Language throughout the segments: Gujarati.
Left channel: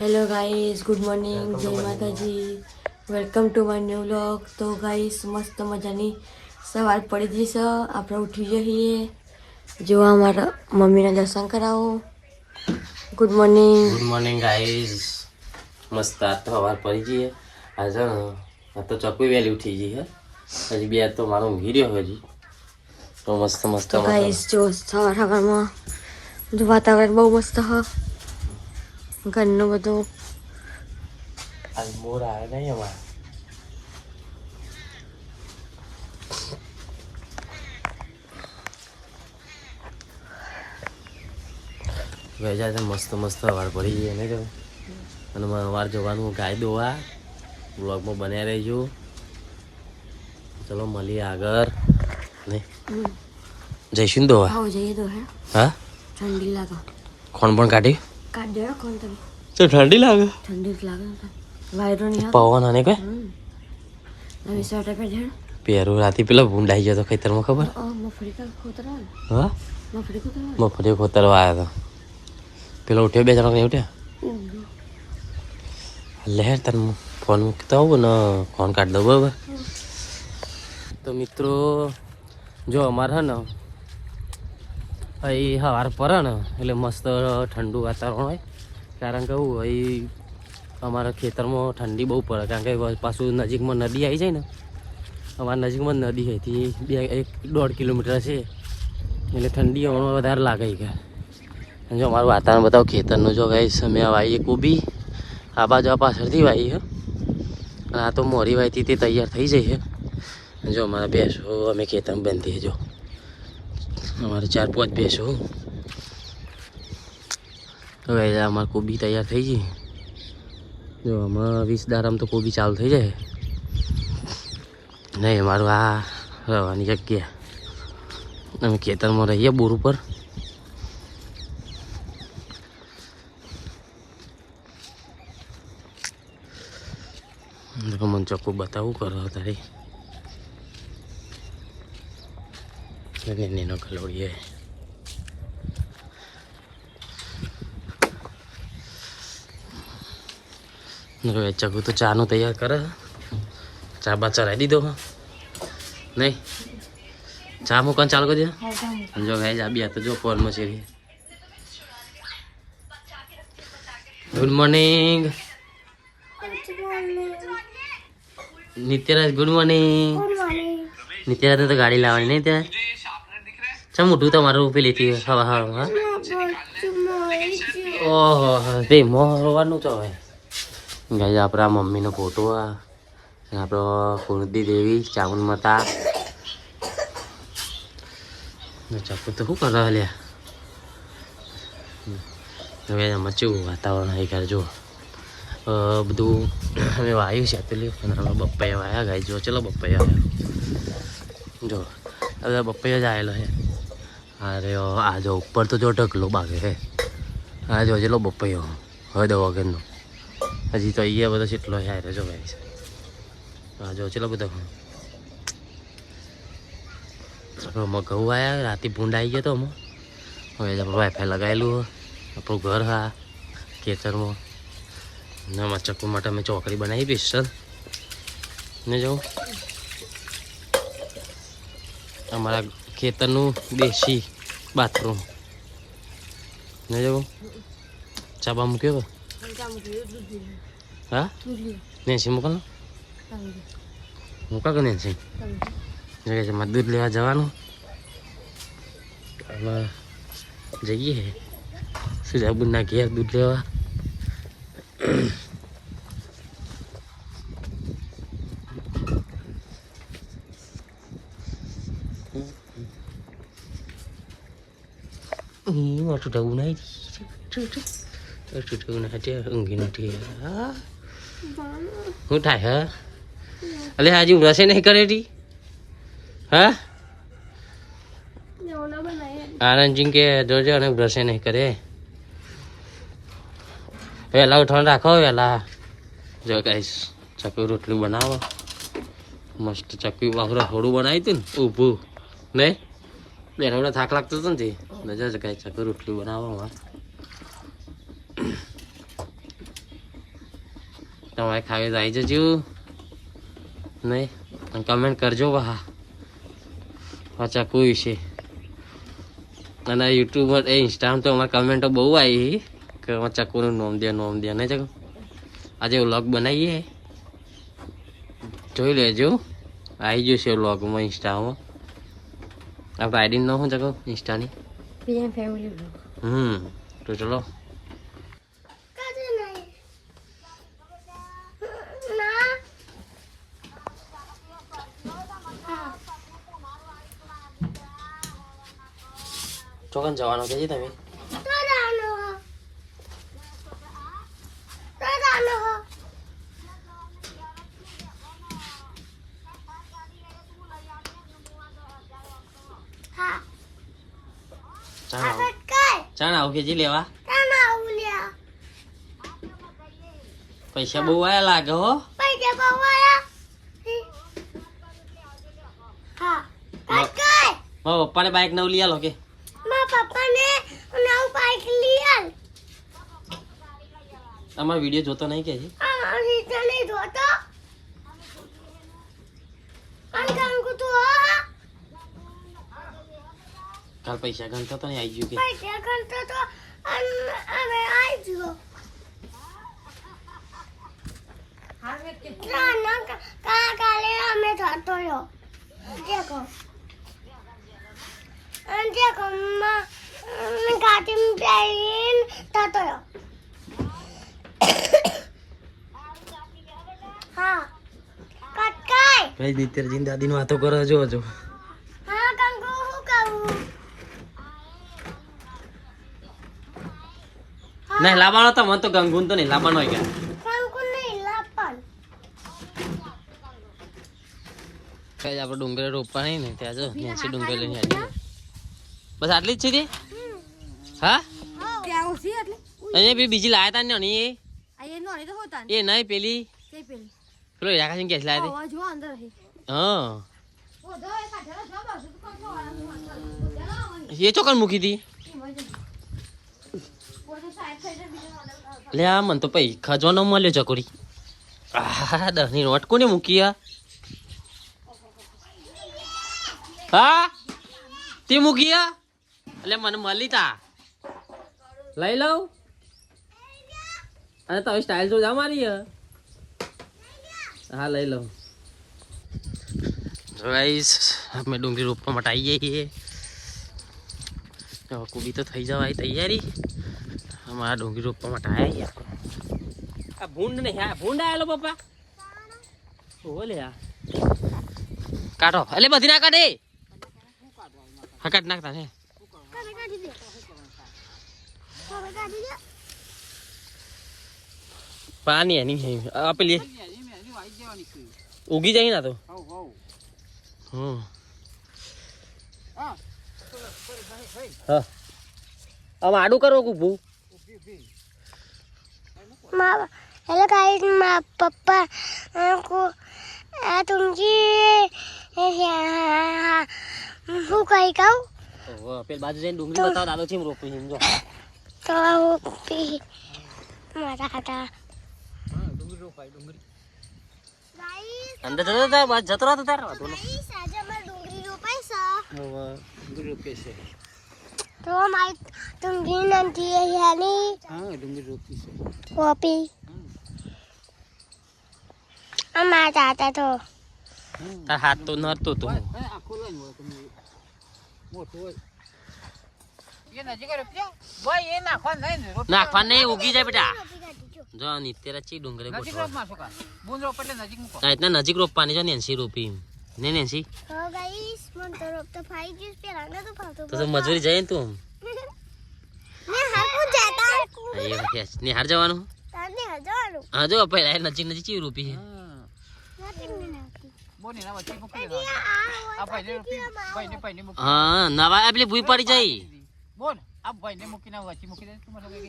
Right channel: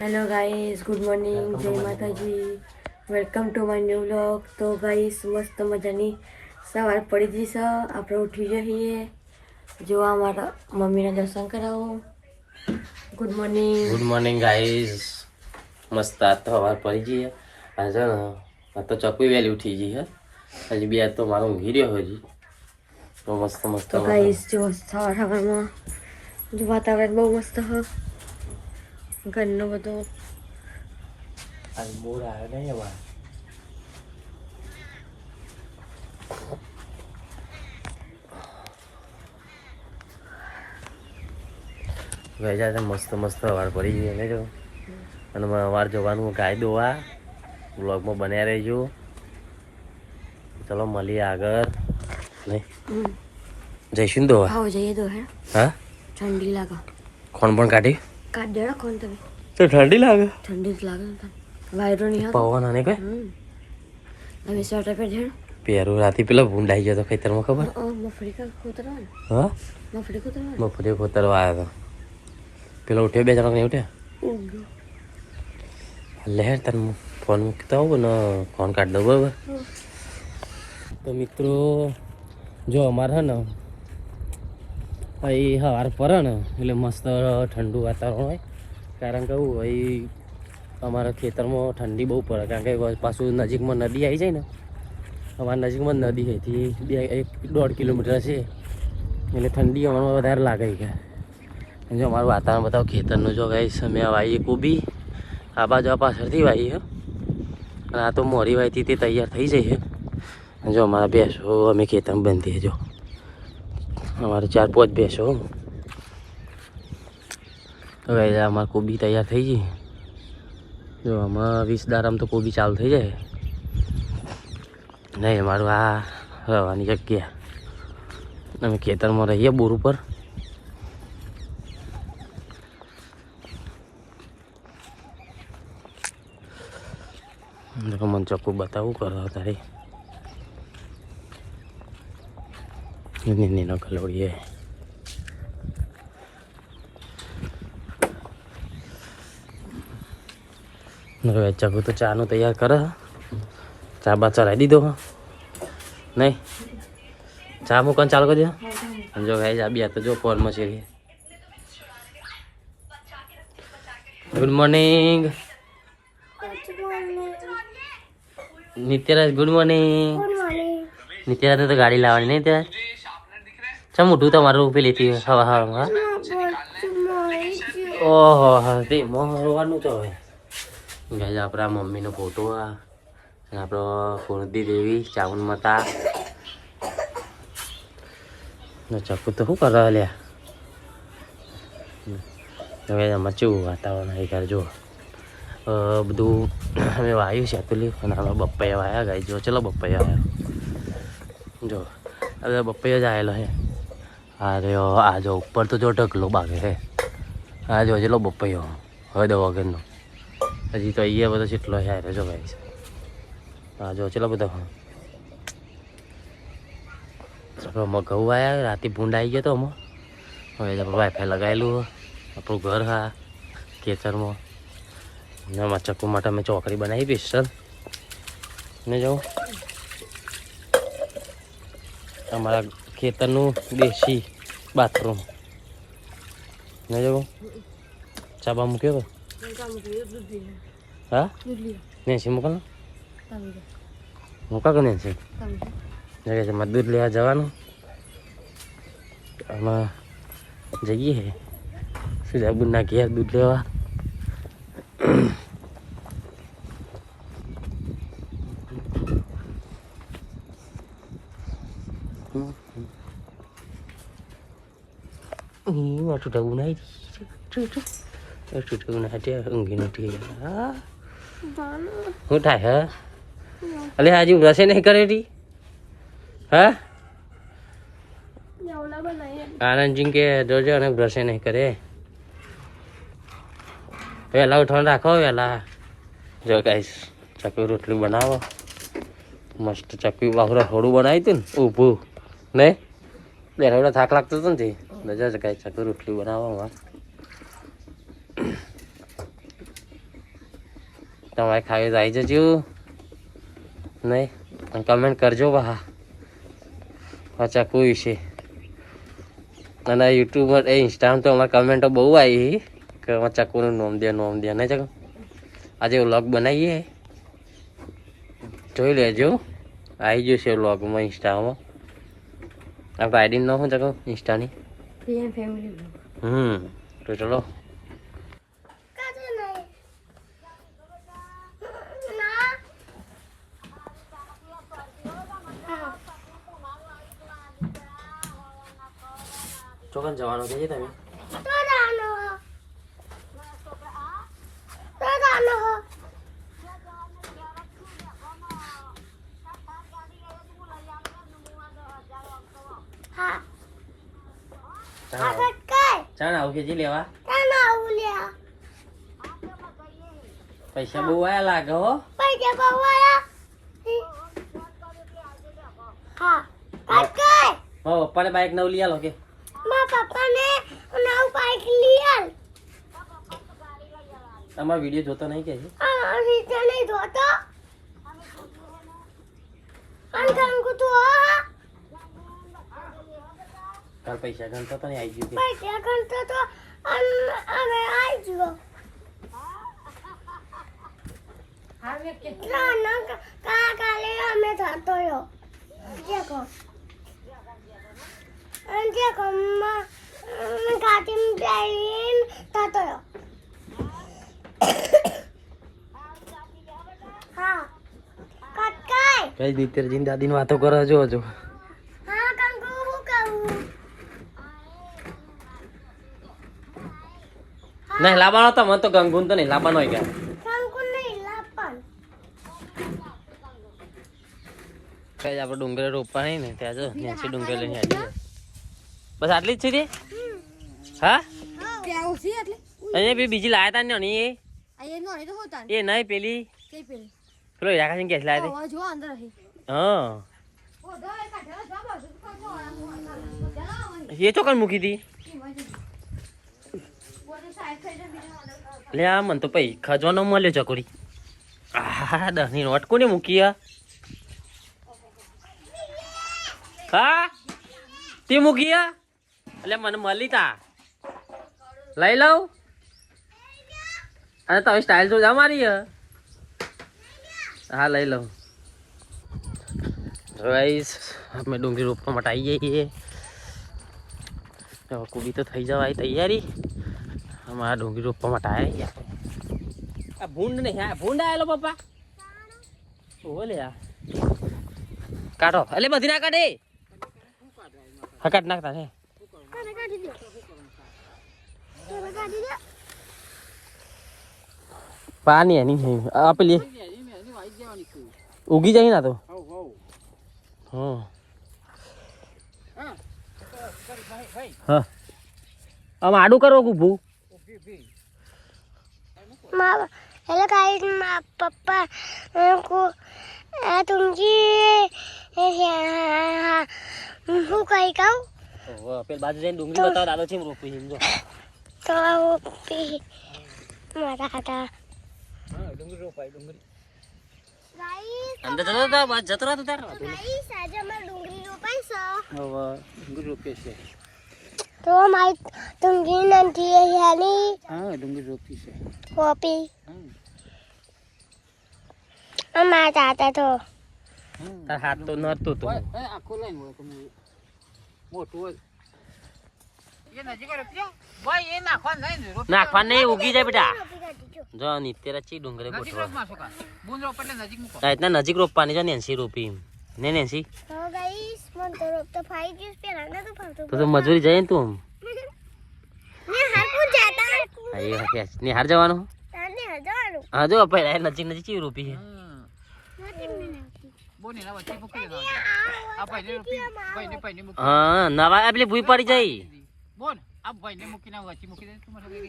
હેલો ગાઈસ ગુડ મોર્નિંગ જય માતાજી welcome to my new vlog તો ગાઈસ મસ્ત મજાની સવાર પડી ગઈ છે આપણે ઉઠી જઈએ જોવા અમારા મમ્મીના દર્શન કરાવો good morning good morning guys મસ્ત આજ તો સવાર પડી જઈએ આજે ને આ તો ચકવી વહેલી ઉઠી ગઈ હે હજી બે તો મારો ઊંઘી રહ્યો હજી તો મસ્ત મસ્ત તો ગાઈસ જો સવાર સવારમાં જો વાતાવરણ બહુ મસ્ત હ ઘરનું બધું આ મોર આવે નહીં અમારે. વેજા તો મસ્ત મસ્ત વાર પડી ગઈ એને જો અને વાર જવાનું ગાય દોવા. બ્લોગમાં બન્યા રહેજો. ચલો મળીએ આગળ. નહીં. જઈશું ને દોવા? હા ઠંડી લાગે. કોણ પણ કાઢી? કાઢ દેડો કોણ તમે? તો ઠંડી લાગે? ઠંડી જ લાગે વાયરો નહીં પવન અને કઈ? અમે સ્વેટર પહેર પહેરું પેરું રાતે પેલા ભૂંડાઈ ગયો તો ખેતરમાં ખબર? મફરી મફળી કા ખોતરા ને હા? મફળી ખોતરા મફળી ખોતરવા આવ્યા હતો પેલો ઉઠ્યો બે જણા ઉઠ્યા? લહેર તને ફોન મૂકતા હોઉં ને ફોન કાઢ દઉં બરાબર તો મિત્રો જો અમારે હે ને અહીં હાર પડે ને એટલે મસ્ત ઠંડુ વાતાવરણ હોય. કારણ કે હું અહીં અમારા ખેતરમાં ઠંડી બહુ પડે. કારણ કે પાછું નજીકમાં નદી આવી જાય ને, અમારા નજીકમાં નદી હતી બે, એક, દોઢ કિલોમીટર છે. એટલે ઠંડી હમણાં વધારે લાગે કે જો અમારું વાતાવરણ બતાવો, ખેતરનું જો ગાઈસ, અમે વાવીએ કોબી. આ બાજુ આ પાછળથી વાવી હે. અને આ તો મોરી વાવીથી તે તૈયાર થઈ જાય છે. જો અમારા ભેંસો, અમે ખેતરમાં બંધીએ જો. અમારે ચાર પાંચ ભેંસો. હવે અમારે કોબી તૈયાર થઈ ગઈ. જો આમાં વીસ દારામ તો કોબી ચાલુ થઈ જાય. નહીં અમારું આ રહેવાની જગ્યા. અમે ખેતરમાં રહીએ બોર ઉપર. મને ચોખ્ખું બતાવું કરો તારી Ini ini no kalau dia. હવે ચગુ તો ચાનું તૈયાર કર ચા બા ચડાવી દીધો નહીં ચા મૂકવાનું ચાલુ કરજો જો ભાઈ ચા બી તો જો ફોનમાં છે good morning Nityaraj good morning નિત્યરાજને તો ગાડી લાવવાની નહીં ત્યાં ચમ મોઢું તમારું પેલીથી હવા હવા ઓહો ભાઈ મોરવાનું તો હવે ગાઈ આપણા મમ્મીનો ફોટો આ આપણો કુળદી દેવી ચાવન માતા ચપ્પુ તો શું કરે લ્યા હવે એમાં કેવું વાતાવરણ આવી ઘર જો બધું અમે વાયું છે પેલું અને આમાં બપ્પાયા વાયા ગાય જો ચલો બપ્પાયા આવ્યા જો હવે બપ્પાયો જ આવેલો છે અરે આ જો ઉપર તો જો ઢગલો બાગે છે. આ જો બપૈયો બપ્પાયો હદ વગરનો હજી તો અહીંયા બધો કેટલો હારે જો ભાઈ. આ જો બધા બધો ઘઉં આવ્યા રાતે ભૂંડ આવી ગયો તો અમે. હવે આપણે વાઈફાઈ લગાવેલું હે. આપણું ઘર હા, ખેતરમાં. ને એમાં ચકુ માટે અમે ચોકડી બનાવી સ્પેશિયલ ને જાઉં અમારા ખેતરનું દેશી બાથરૂમ ને જવું ચાબા મૂક્યો હા? નેન્સી મોકલ મૂકા કે નેસી જગ્યા છે, મારે દૂધ લેવા જવાનું. આમાં જઈએ. સુજાબુના ઘેર દૂધ લેવા? છૂટા ઉનાઈ છૂટા ઉનાઈ ત્યાં ઊંઘી નથી શું થાય હા અલે હાજી રસે નહીં કરે રી હા આનંદજી કે જોજો અને બ્રશે નહીં કરે વહેલા ઉઠવાનું રાખો વહેલા જો ગાઈસ ચકવી રોટલી બનાવો મસ્ત ચકવી બાહુરા થોડું બનાવ્યું હતું ને ઊભું નહીં બેઠા બેઠા થાક લાગતો હતો ને તે નજર કાંઈ ચકવી રોટલી બનાવવામાં. તમારે ખાવી આવી જજો. નહીં કમેન્ટ કરજો બા આ કોઈ વિશે અને યુટ્યુબ એ ઇન્સ્ટામાં તો અમારે કમેન્ટો બહુ આવી કે અમારે ચકુનું નોમ દે નોમ દે. નહીં ચકુ? આજે વ્લોગ બનાવીએ. જોઈ લેજો. આવી જશે વ્લોગમાં ઇન્સ્ટામાં આપણે આઈડી ન શું ચકુ? ઇન્સ્ટાની પીએમ ફેમિલી બ્લોગ હમ તો ચલો ચોકન જવાનું કે છે તમે ચાલો ચાલ આવું કે જી લેવા. પૈસા બહુ આયા લાગે હો. મારા પપ્પાને બાઈક નવ લઈ આલો કે. તમારો વીડિયો જોતો નહીં કે છે કાલ પૈસા ગણતા તો ને આવી ગયું કે? કાલે અમે થતો યો દેખો અને દેખો માં ગાડી બેન થતો યો હા. કટકાય કઈ નિત્યરજીની દાદીની વાતો કરો જો જો હા કંકુ હું કહું નહીં લાવવાનો તો મને તો ગંગુન તો નહીં લાવવાનો હોય કે આપણે ડુંગરે રોપવા નહીં ને ત્યાં જો નેસી ડુંગરે લઈને આવી બસ આટલી જ છે હા? અહીંયા બી બીજી લાયા તા ને એ? એ નહીં પેલી? પેલી? પેલો યાકાસિંહ ગેસ લાયા અવાજ જો અંદર હા. એ ચોકન મૂકી હતી લે, આ મને તો પછી ખજવાનો મળ્યો ચકોરી આ દસની નોટ કોને મૂકી આ? હા? તે મૂકી એટલે મને મળી તા. લઈ લઉં? અને તમે સ્ટાઇલ તો જા મારી હા, લઈ લઉં. રાઈસ અમે ડુંગળી રોપવા માટે આવી જઈએ. કુબી તો થઈ જવાય તૈયારી. અમારા ડુંગળી રોપવા માટે આવ્યા ગયા આ ભૂંડ ને હા ભૂંડ આવેલો પપ્પા. ઓલે આ. કાઢો. એટલે બધી ના કાઢે. હા કાઢ નાખતા છે. પાણી એની છે. આ ઉગી જાય ના તો. હા હા. આમ આડું કરો ઊભું माँ हेलो गाइस माँ पापा को आ, तुमची હું કઈ કહું ઓહો, પેલી બાજુ જઈને ડુંગળી બતાવો દાદો છે એમ રોપી સમજો તો હું પી મારા હતા ગાઈસ અંદર જતો તાર બાજુ જતો રહો તો તાર ગાઈસ આજે અમારે ડુંગળી રોપાઈ છે હવે ડુંગળી રોપીએ છે તો મારી ડુંગળી નથી હેલી. હા ડુંગળી રોપી છે. કોપી અમારા દાદા તો. તાર હાથ તો નતો તો. નાખવા નહીં ઉગી જાય બેટા. જો નિત્ય ચી ડુંગળી ગોઠવા. નજીક રોપવાની છે નેન્સી રોપી ને તો ગાઈસ મને તો તો તો મજૂરી તું ને હાકું જાતા હા એ વાત છે. નિહાર જવાનું? હા જો પહેલા નજીક નજીક ચી રૂપી છે? હા નવા આ પેલી ભૂઈ પડી જાય.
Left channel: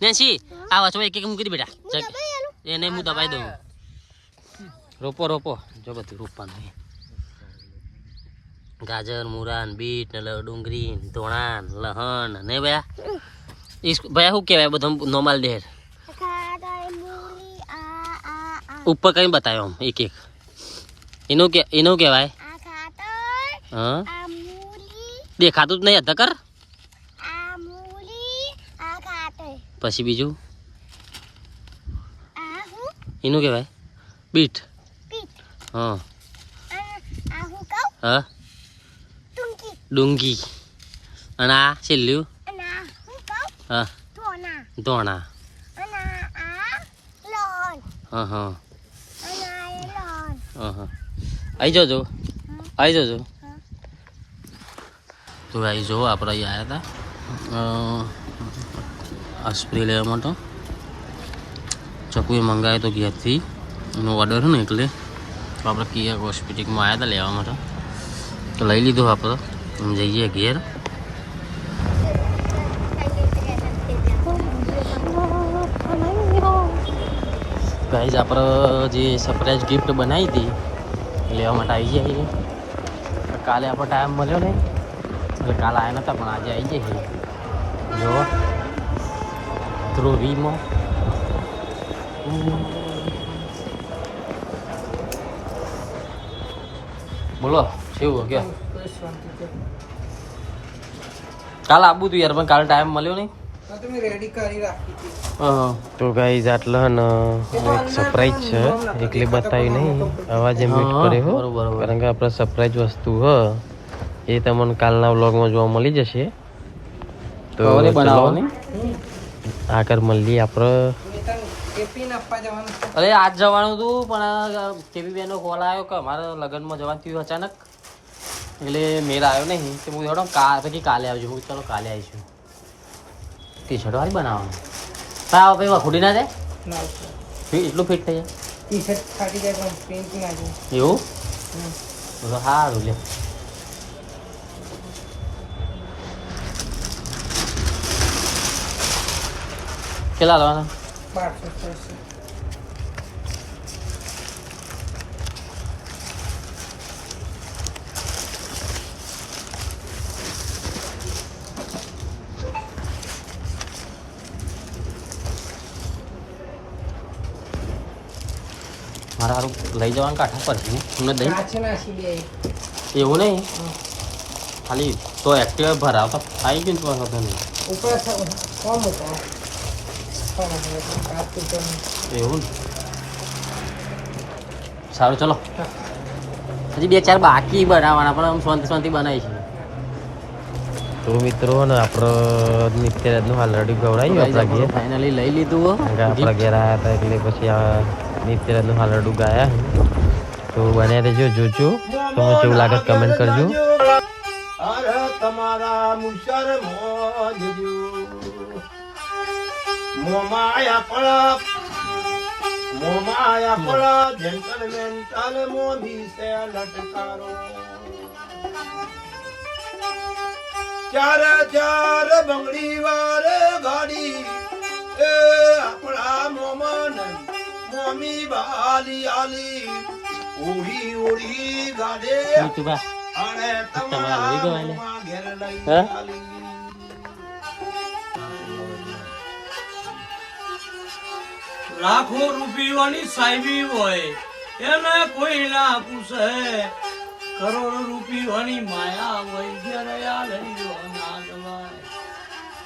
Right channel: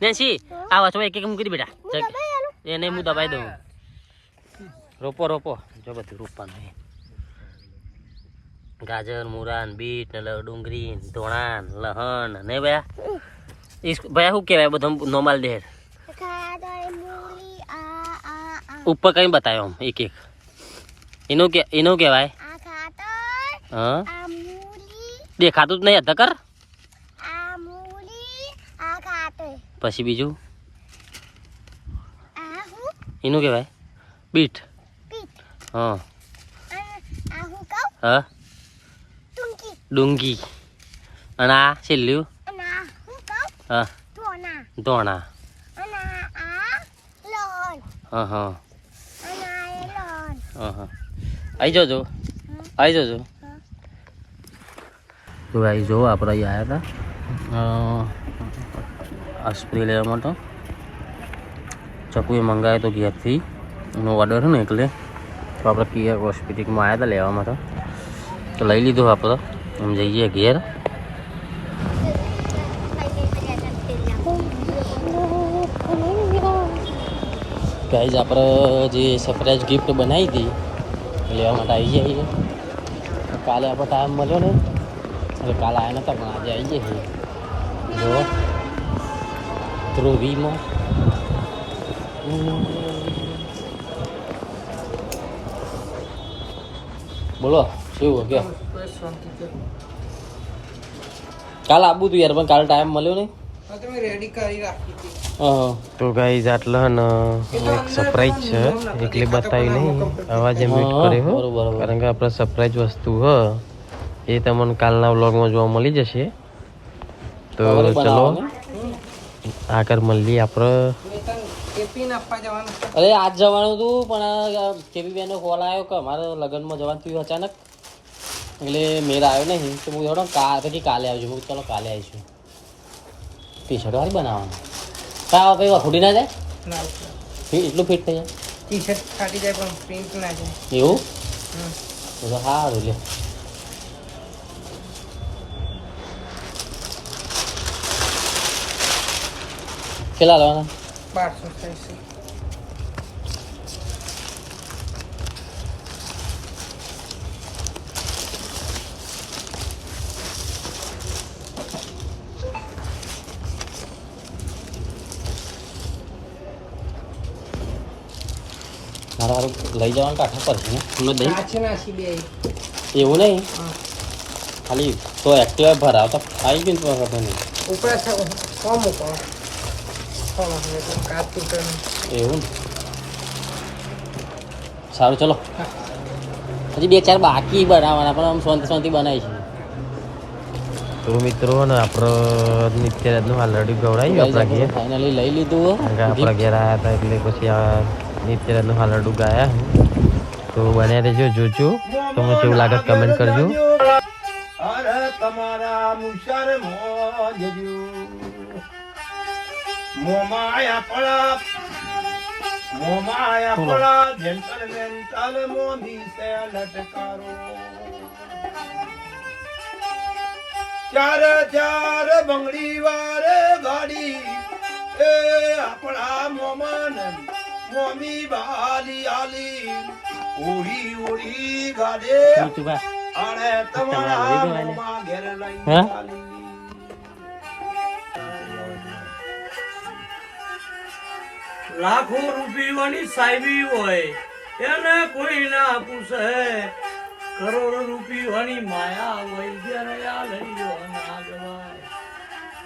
નેન્સી આ વચમાં એક એક મૂકી દે બેટા. એ એને હું દબાઈ દઉં. રોપો રોપો. જો બધું રોપવાનું છે. ગાજર મુરાન બીટ ને ડુંગળી ને ધોણા ને લહણ ને ભયા ભયા શું કહેવાય બધું નોર્મલ ડેર? ખાડા મૂલી આ આ આ ઉપર કઈ બતાવ્યો આમ એક એક? એનું કે એનું કહેવાય? હા? દેખાતું જ નહીં હતા કર? પછી બીજું? એનું કહેવાય? બીટ? હા. હું? ડુંગી. અને આ છેલ્લું હું ધોણા. હા હા. હા હા. આવી જજો. આવી જજો. તો આવી જો આપણે અહીં આવ્યા હતા આ સ્પ્રે લેવા માટે. ચકુએ મંગાવ્યો તો ઘેરથી. એનો ઓર્ડર છે ને એટલે. તો આપણે કિયા હોસ્પિટલમાં આવ્યા હતા લેવા માટે. તો લઈ લીધો આપણે. જઈએ ઘેર પ્રાઇઝ આપણે જે સરપ્રાઈઝ ગિફ્ટ બનાવી હતી લેવા માટે આવી જઈએ કાલે આપણો ટાઈમ મળ્યો નહીં. એટલે કાલે આવ્યા નતા, પણ આજે આવી જઈએ જો, ધ્રુવીમાં. બોલો, કેવું કે કાલ આબુ તું યાર પણ કાલ ટાઈમ મળ્યો નહીં? તો ગાઈઝ આટલા ને એક સરપ્રાઈઝ છે. એકલી બતાવી નહીં. અવાજે મ્યુટ કર્યો. કારણ કે આપણે સરપ્રાઈઝ વસ્તુ હ. એ તમને કાલના વ્લોગમાં જોવા મળી જશે. તો ચલો. આગળ મળીએ આપણે અરે આજ જવાનું હતું પણ કેવી બેનો કોલ આવ્યો કે અમારે લગ્નમાં જવાનું થયું અચાનક. એટલે મેળ આવ્યો નહીં તો હું જોડો કા પછી કાલે આવજો. હું ચાલો કાલે આવીશું. ટી શર્ટ વાળી બનાવવાનું. પણ આ ભાઈ વખોડી ના જાય એટલું ફિટ થઈ જાય? પણ એવું? તો તો સારું લે કેટલા લેવાના? મારે લઈ જવાનું કાઠા પર. દઈ એવું નહીં? ખાલી તો એક્ટિવા ભરાવ તો આવી ગયું તો નહીં. એવું સારું ચલો. હજી બે ચાર બાકી બનાવવાના પણ આમ શાંતિ શાંતિ બનાવી છે. તો મિત્રો ને આપણે નિત્યરાજનું હાલ ગવડાવ્યું આપણા ઘેર. ફાઇનલી લઈ લીધું કારણ કે આપણા ઘેર આવ્યા હતા એટલે પછી આ નિત્યરાજનું હાલ રડું ગાયા તો બન્યા રહેજો જોજો. તમને કેવું લાગે કમેન્ટ કરજો. તમારા મુશર મોજજો. મોમાયા પડા મોમાયા પડા જેન્ટલ મેન્ટલ સે લટકારો. ચાર ચાર બંગડી વારે ગાડી એ આપણા મોમન મોમી બાલી આલી ઓળી ઓળી ગાડે તું તમારા લઈ ગયો એને? તમારા ઘેર લઈ હા? લાખો રૂપિયાની સાહેબી હોય એને કોઈ ના પૂછે કરોડ રૂપિયાની માયા હોય જ્યારે આ લઈ જવાય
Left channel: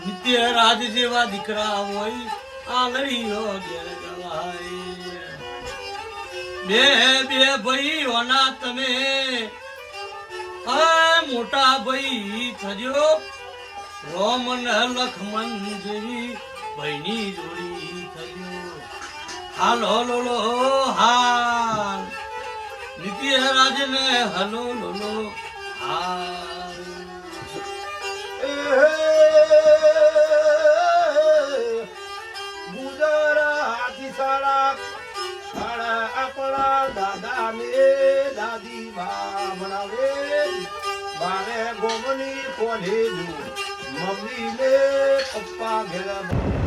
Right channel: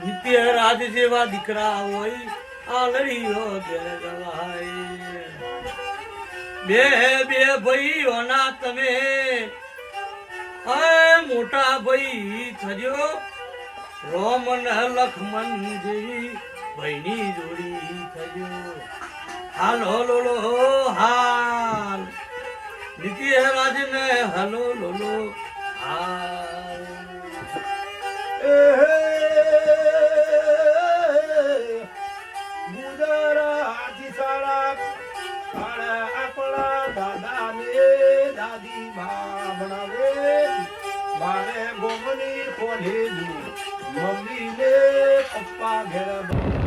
નિત્ય રાજ જેવા દીકરા હોય આ લઈ લો ઘેર જવાય બે બે ભાઈઓના તમે આ મોટા ભાઈ થજો, રોમન લખમણ જેવી ભાઈની જોડી થયો હાલો લોલો હાલ નીતિ રાજ ને હલો. લોલો હાલ એ બુજારા હાથી સાડા અરે આપણા દાદા ને દાદી બા ભણાવે. મારે ગોમની કોને મમ્મી પપ્પા ઘેર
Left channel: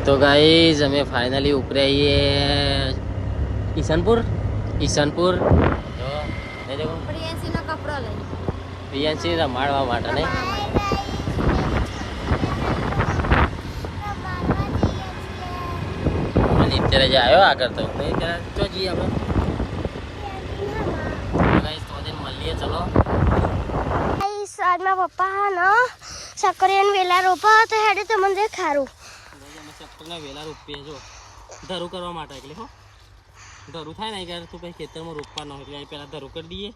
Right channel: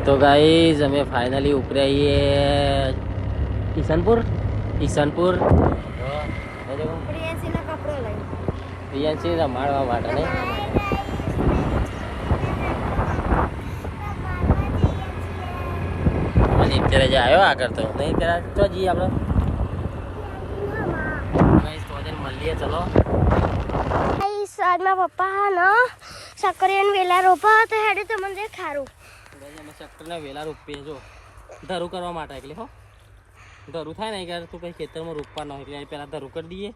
તો ગાઈઝ અમે ફાઇનલી ઉપરે આવીએ ઈશાનપુર ઈશાનપુર પ્રિયાંશીનો કપડો લઈ. પ્રિયાંશી રમાડવા માટે નહીં? નહીં અત્યારે જે આવ્યો આગળ તો. નહીં ત્યારે તો જઈએ અમે મળીએ ચલો. આજના પપ્પા ન. સક્કરિયાને વેલા રોપા તો હેડે તો મને ખારું અમે સક્કરને વેલા રોપીએ જો. ધરું કરવા માટે એટલે હો. ધરું થાય ને ત્યારે તું પછી ખેતરમાં રોપવા ન હોય. એટલે પહેલાં ધરું કરી દઈએ.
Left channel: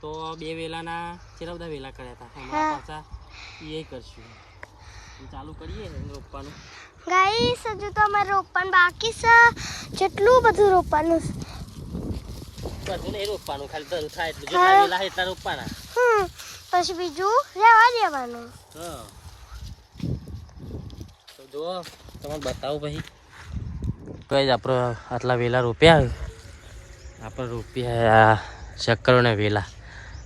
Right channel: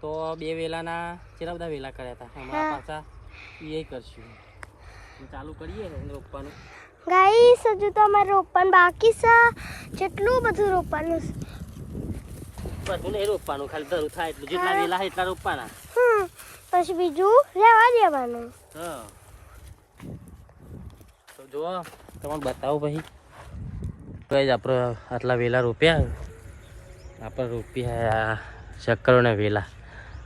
તો બે વેલાના કેટલા બધા વેલા કર્યા હતા? અમારા પાછા એ કરશું. ચાલુ કરીએ રોપવાનું. ગાઈસ હજુ તો અમારે રોપવાનું બાકી છે. જેટલું બધું રોપવાનું છે. બધું નહીં રોપવાનું ખાલી ધરું થાય એટલું. જેટલા વેલા એટલા રોપવાના. હમ પછી બીજું રહેવા દેવાનું. હા. તો જુઓ તમને બતાવું પછી. ગાઈસ જ આપણે આટલા વેલા રોપ્યા આપણે રોપ્યા શક્કરોને વેલા.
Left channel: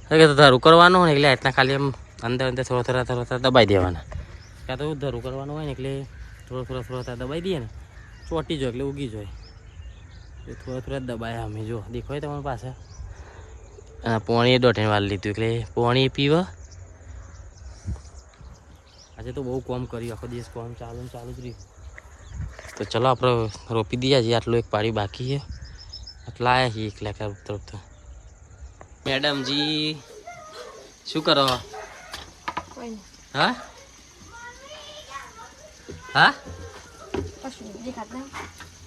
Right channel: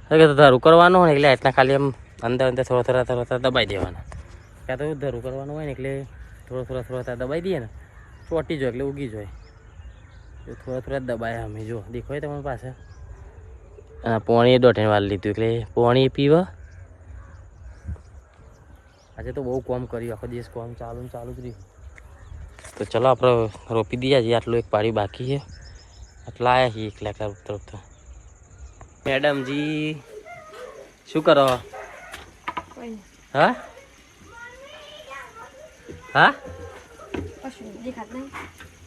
કે તો ધરું કરવાનું હોય એટલે એટલા ખાલી એમ અંદર અંદર થોડા થોડા થોડા થોડા દબાઈ દેવાના. કાં તો ધરું કરવાનું હોય ને એટલે થોડા થોડા થોડા ત્યાં દબાઈ દઈએ ને ચોટી જાય એટલે ઉગી જાય. એ થોડા થોડા દબાયા અમે જો દેખાય તમારી પાસે? આ પોણીએ દોઢ વાર લીધું એટલે પોણી પીવા. આજે તો બહુ કોમ કર્યું આખો દિવસ કોમ ચાલુ ને ચાલુ જ રહ્યું. તો ચલો આપણે રોપી દઈએ છીએ આટલું એક પાડી બાકી છે. આટલા આવ્યા છીએ એકલા એકલા તરફ તો મેડમજી શું કરો? હા? હા?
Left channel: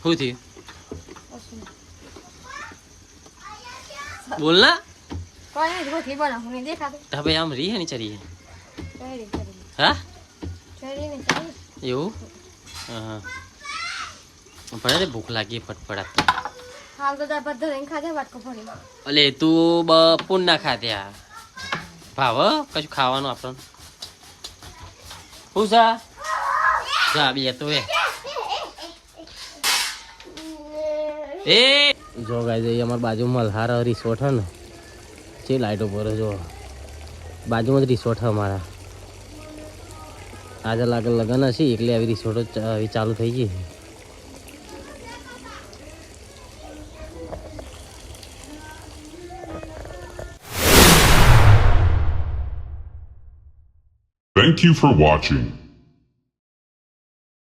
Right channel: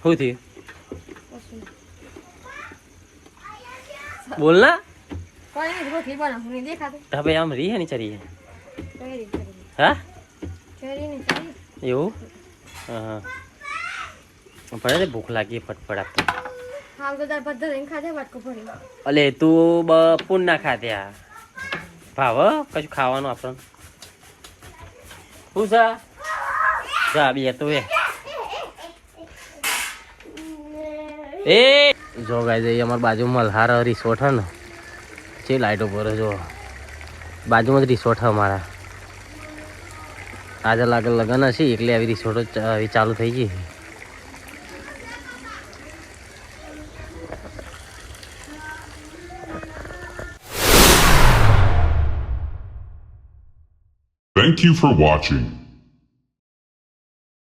શું થયું? બોલ ના. ઢાબે આમ રહી હે ને ચરી હા? એવું? હા ને ભૂખ લાગી ફટફડાટ હાલ તો દાળ ભાત ધરીને ખાધે વાટકો પડી અલે, તું બપોર ના ખાધ્યા ભાવ કશું ખાવાનું આપણને. શું છે જા બે તો એ એ જો ગાય જઈએ અમારી બાજુમાં મલ્હાર રિસોર્ટ હે ને જે લાઈટો પર જો બાજુમાં જ રિસોર્ટ હે અમારા આજે લાગે લગન હશે એટલે આવી રિસોર્ટ આવી ચાલુ થઈ ગઈ Thank you for watching.